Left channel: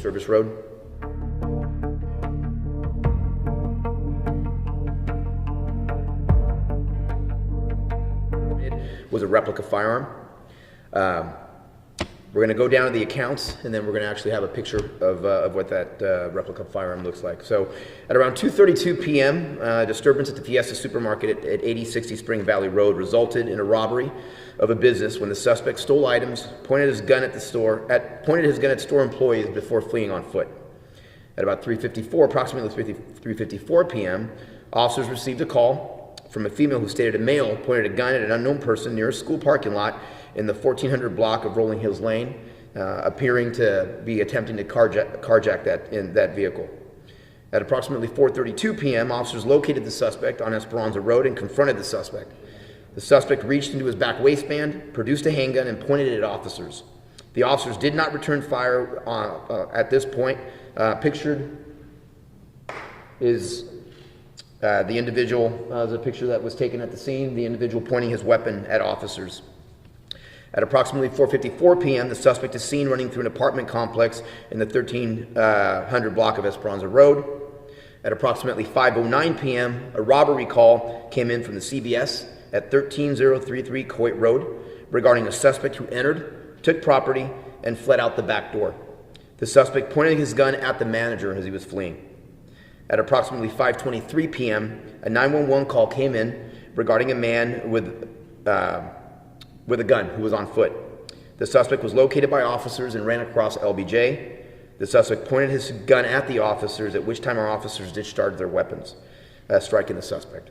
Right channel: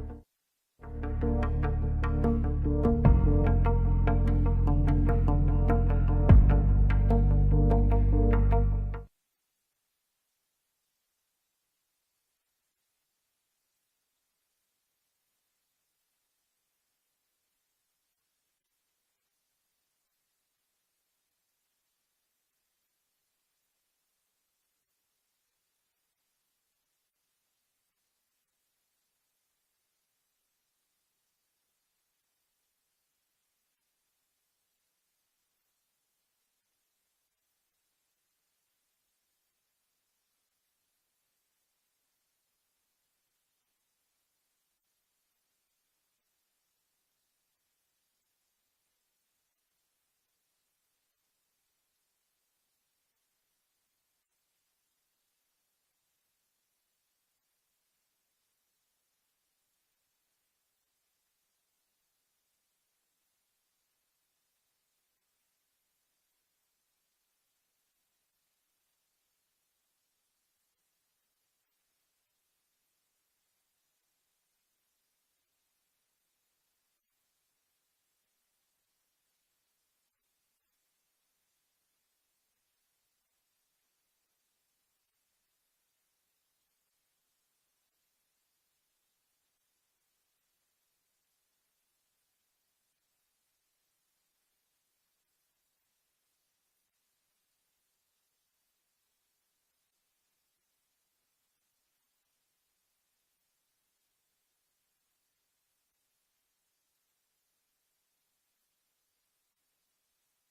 Service Road. It was a replica firearm. We're going to go down to the accounts, and then we're going to actually have a picture of what that replica firearm looks like. So at around 2:32 p.m., disturbance at the Fiesta supermarket at 8060 Spring Valley Road resulted in a robbery of a business when the suspect stole items, pointed his gun at store employees before fleeing on foot. At about approximately 3:54 p.m., officers received a call from a female who stated a male pointed a gun at an unknown person near a school parking lot in the 1400 block of Rolling Hills Lane, appearing to be attempting to carjack that vehicle. At approximately 4:32 p.m., officers located the suspect on Esperanza Road and confronted the suspect. The suspect reached into his back waistband, produced a handgun, and pointed it at officers. The officers did not return fire at this point. Pictured is the individual, the picture that was taken at the scene, the individual pointing his weapon at officers. At approximately 4:54 p.m., the suspect is seen running through an apartment complex in the 1300 block of Esperanza Road. At approximately 5:09 p.m., a robbery call came in from the CBS at 13033 Coit Road regarding a suspect who entered, took property, and fled out the back door. The suspect pointed his gun at the manager as he was fleeing. At approximately 5:23 p.m., a 911 call came in regarding a man with a gun who was on foot. The suspect was located by officers and ran across LBJ. The suspect pointed his gun at the officers, at which time our officers discharged their weapons, striking the suspect.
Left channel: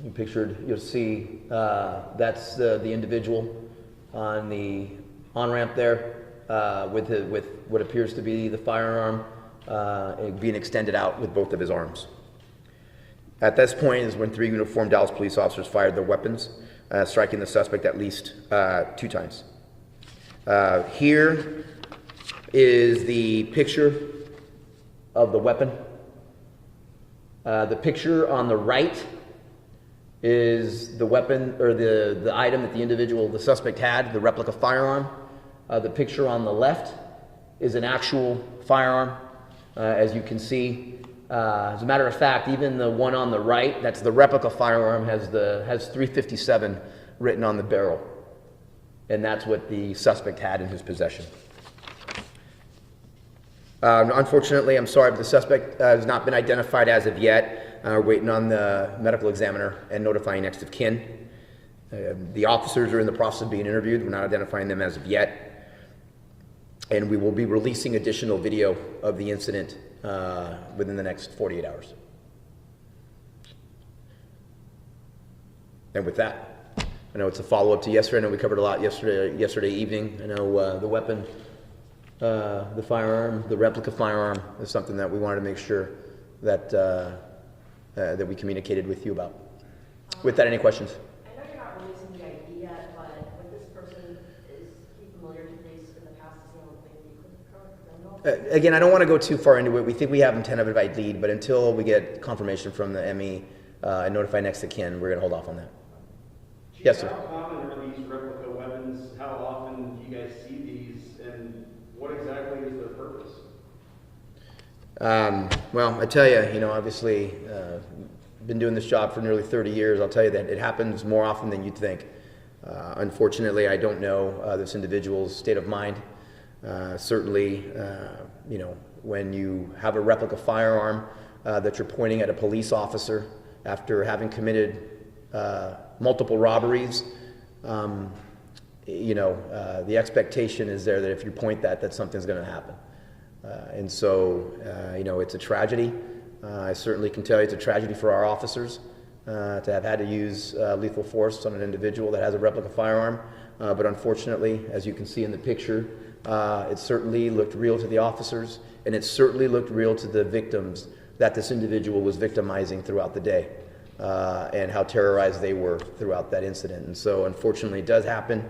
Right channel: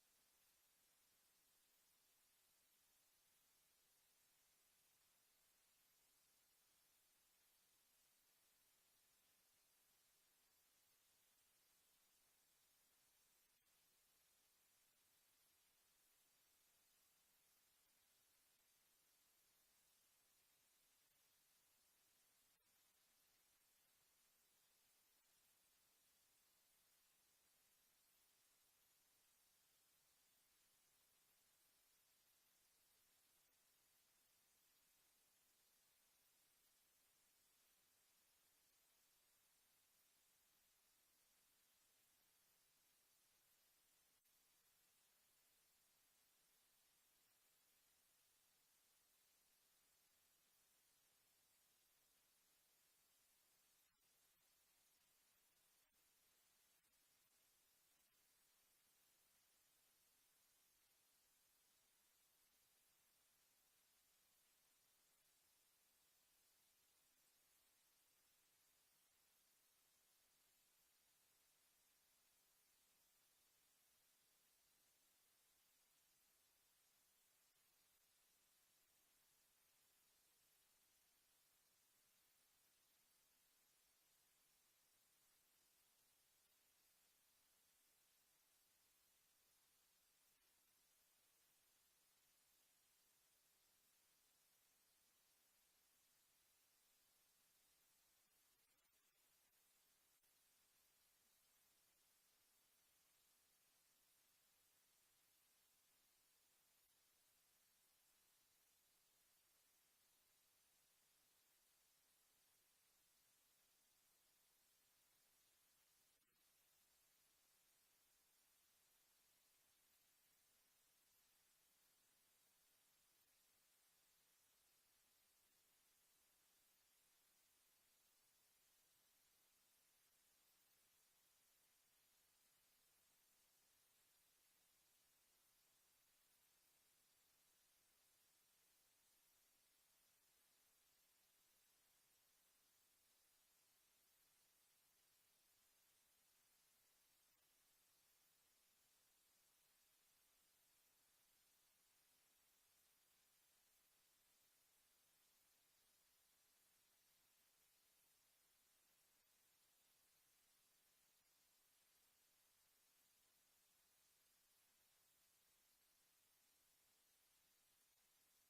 You'll see that's the individual on the on-ramp there with what appears to be the firearm being extended out with both of his arms. At this point is when 3 uniformed Dallas police officers fired their weapons, striking the suspect at least 2 times. Here is the picture of the weapon. The picture on the right is the weapon, or the item that the suspect had, the replica firearm. The picture on the left is an actual firearm, as you can see. As a matter of fact, even the one on the right, that's the replica firearm, has 357 written on the barrel. And that's what the suspect had in his possession. Unfortunately, I'm sorry, but the suspect has not been identified as of yet. We're waiting on the medical examiner and notifying next of kin. The officers are in the process of being interviewed. We're not identifying them as of yet. And we will be releasing additional video of the incident within the next 48 hours. And with that, I know it's a follow-up to yesterday. I know we covered a lot yesterday evening. I know the weapon, the firearm, the replica firearm is something that we wanted to make sure that that we communicated with you about. With that, any questions? I know you're not releasing the ID yet, but with this person, is he familiar to police in the past? Does he have a criminal? Again, I don't want to go too far into it. We think we have him tentative lead, but until we get confirmation from the ME and notify next of kin, we're going to hold off on that. Chief, yes, sir. How common are these replica weapons? How often do you guys see these, and what exactly is their purpose? Well, I tell you, obviously, been doing this job for nearly 30 years. I'll tell you that it happens more often than you'd think. Unfortunately, I don't know this individual's state of mind. Certainly, when you have a replica firearm that you're pointing at a police officer after having committed multiple robberies, the expectation is there that if you point that something's going to happen. And so, it's a tragedy. I certainly can tell you it's a tragedy for our officers to have had to use lethal force on an individual that has a replica firearm. But unfortunately, as you can see in the picture, it certainly looked real to the officers, and it certainly looked real to the victims that this individual was victimizing throughout the day, and how terrorized they were throughout that incident. And so, unfortunately, it does happen.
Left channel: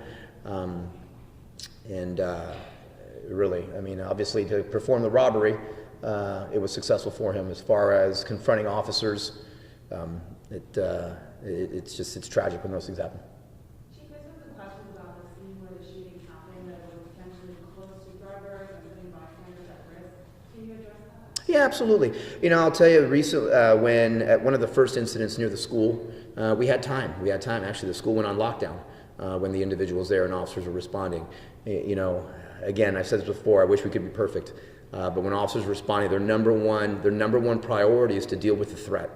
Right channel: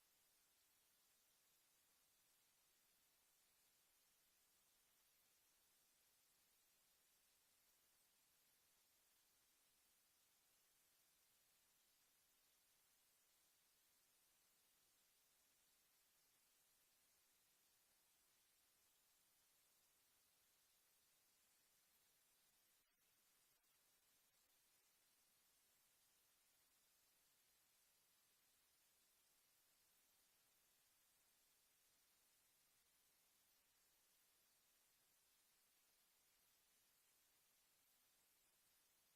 Really, obviously, to perform the robbery, it was successful for him. As far as confronting officers, it's tragic when those things happen. Chief, there's been some questions about the scene where the shooting happened that were potentially close to drivers and putting bystanders at risk. Can you address that? Yeah, absolutely. I'll tell you, recently, when at one of the first incidents near the school, we had time. Actually, the school went on lockdown when the individual was there and officers were responding. Again, I've said this before, I wish we could be perfect. But when officers are responding, their number one priority is to deal with the threat.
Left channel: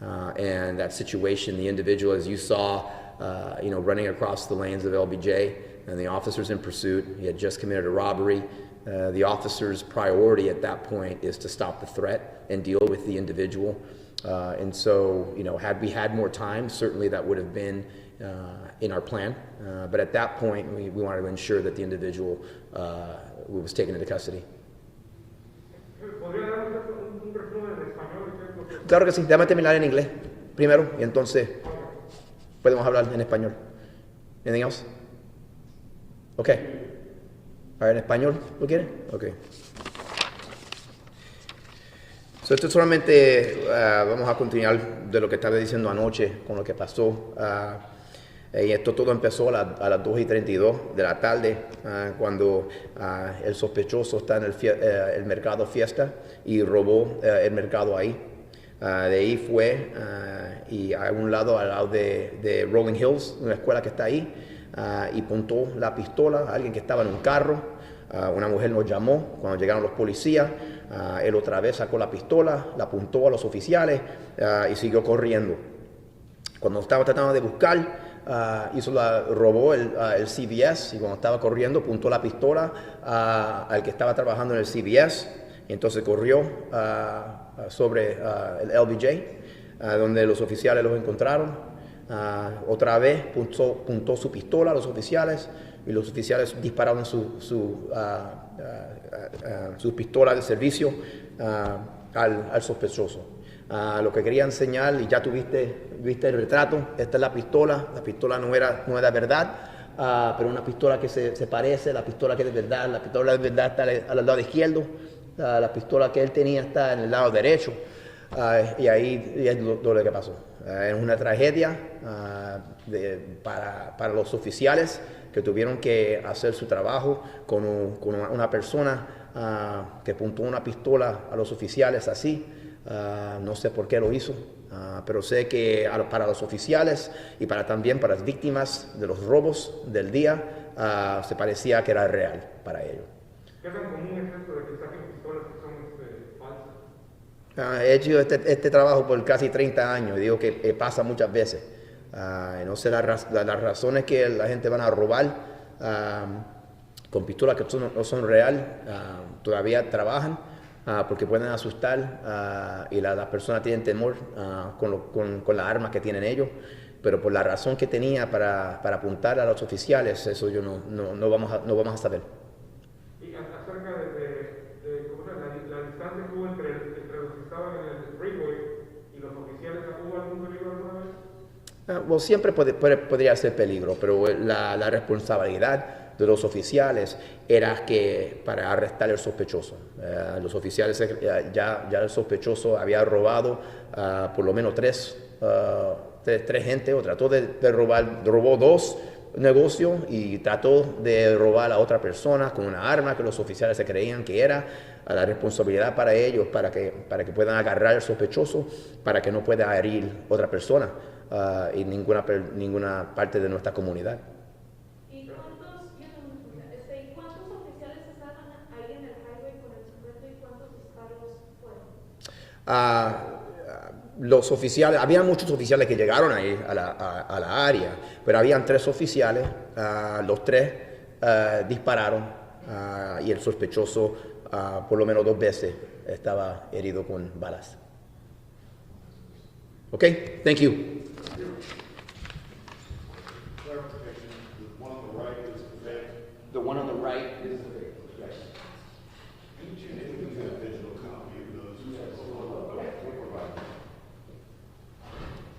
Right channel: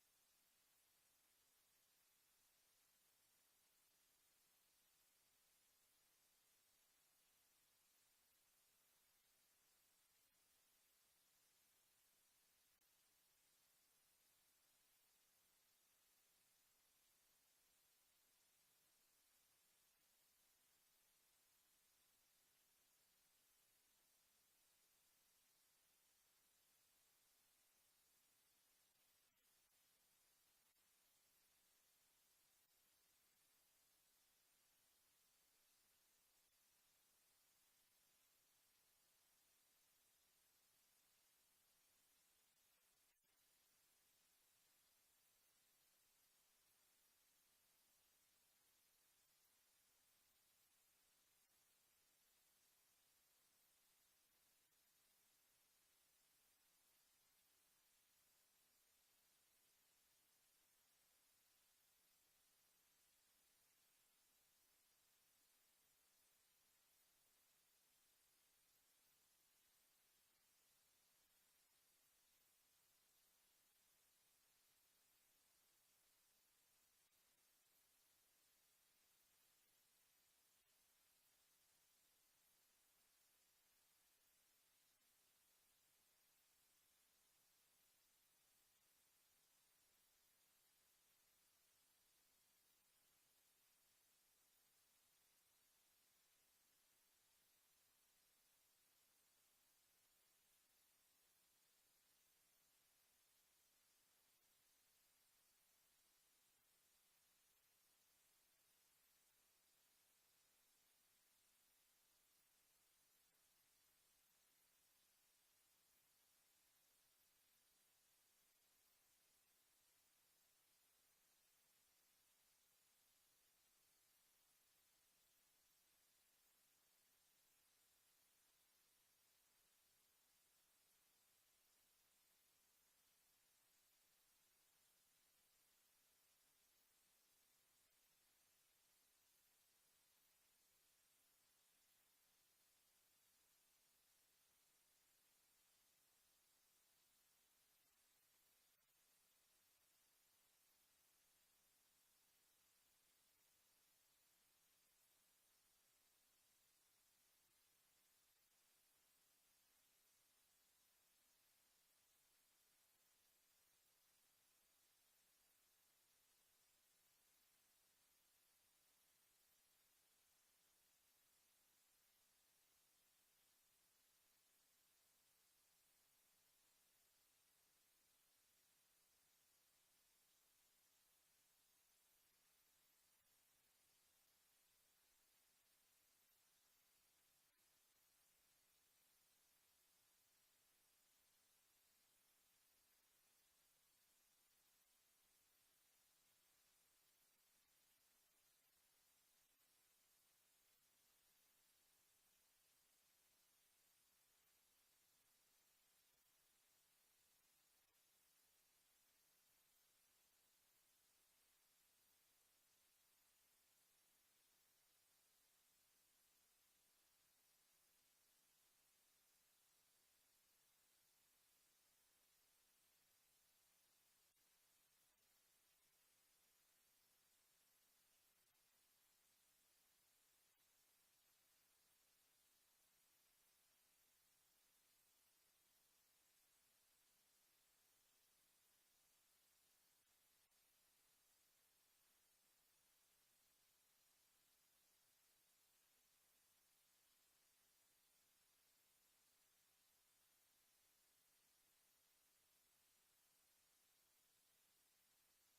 And that situation, the individual, as you saw, running across the lanes of LBJ, and the officers in pursuit, he had just committed a robbery. The officer's priority at that point is to stop the threat and deal with the individual. And so, had we had more time, certainly that would have been in our plan. But at that point, we wanted to ensure that the individual was taken into custody. Claro que sí, déjame terminar en inglés primero y entonces podemos hablar en español. Anything else? Okay. Ahora en español, ¿lo quiere? Okay. So, esto solamente vamos a continuar de lo que estaba diciendo anoche con lo que pasó. Y esto todo empezó a las 2:32 de la tarde, cuando el sospechoso está en el mercado Fiesta y robó el mercado ahí. De ahí fue y a un lado, al lado de Rolling Hills, una escuela que está ahí, y apuntó la pistola a alguien que estaba en un carro. Una mujer nos llamó cuando llegaron los policías. Él otra vez sacó la pistola, la apuntó a los oficiales y siguió corriendo. Cuando estaba tratando de buscar, robó el CVS, y cuando estaba corriendo apuntó la pistola al que estaba trabajando en el CVS, y entonces corrió sobre el LBJ, donde los oficiales los encontraron. Otra vez apuntó su pistola a los oficiales, y los oficiales dispararon su pistola de servicio al sospechoso. Lo que quería enseñar, y ya viste el retrato, esta es la pistola no era verdad, pero una pistola que se parece, la pistola que es de verdad, la pistola de verdad está al lado izquierdo, la pistola que él tenía está en el lado derecho, y ahí es lo que pasó. Es una tragedia para los oficiales que tuvieron que hacer su trabajo con una persona que apuntó una pistola a los oficiales así. No sé por qué lo hizo, pero sé que para los oficiales y también para las víctimas de los robos del día, se parecía que era real para ellos. ¿Qué tan común es esto de que saquen pistolas que son falsas? He hecho este trabajo por casi 30 años y digo que pasa muchas veces. No sé las razones que la gente van a robar con pistolas que no son real, todavía trabajan. Porque pueden asustar y las personas tienen temor con las armas que tienen ellos, pero por la razón que tenía para apuntar a los oficiales, eso yo no vamos a saber. Y acerca de ¿cómo la distancia que hubo entre los que estaban en el freeway y los oficiales, ¿hubo algún peligro alguna vez? Siempre podría ser peligro, pero la responsabilidad de los oficiales era que para arrestar al sospechoso. Los oficiales, ya el sospechoso había robado por lo menos tres gente, o trató de robar, robó 2 negocios y trató de robar a otra persona con una arma que los oficiales se creían que era. La responsabilidad para ellos, para que puedan agarrar al sospechoso, para que no pueda herir otra persona en ninguna parte de nuestra comunidad. ¿Y cuántos oficiales estaban ahí en el highway con el sujeto y cuántos disparos fueron? Los oficiales, había muchos oficiales que llegaron ahí a la área, pero habían 3 oficiales, los 3 dispararon y el sospechoso por lo menos 2 veces estaba herido con balas. Okay, thank you. The one on the right is the fake. Yes.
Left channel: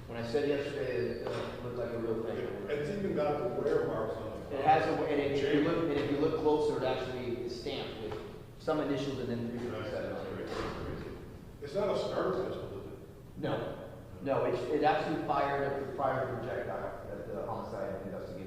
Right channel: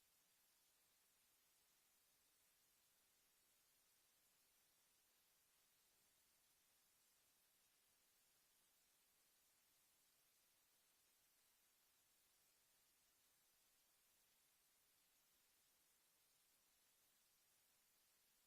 When I said yesterday, it looked like a real thing. It's even got the wear marks on it. It has if you look closer, it actually is stamped with some initials and then 357 on it. It's not a SCAR pistol, is it? No, it actually fired a prior projectile at the homicide investigation.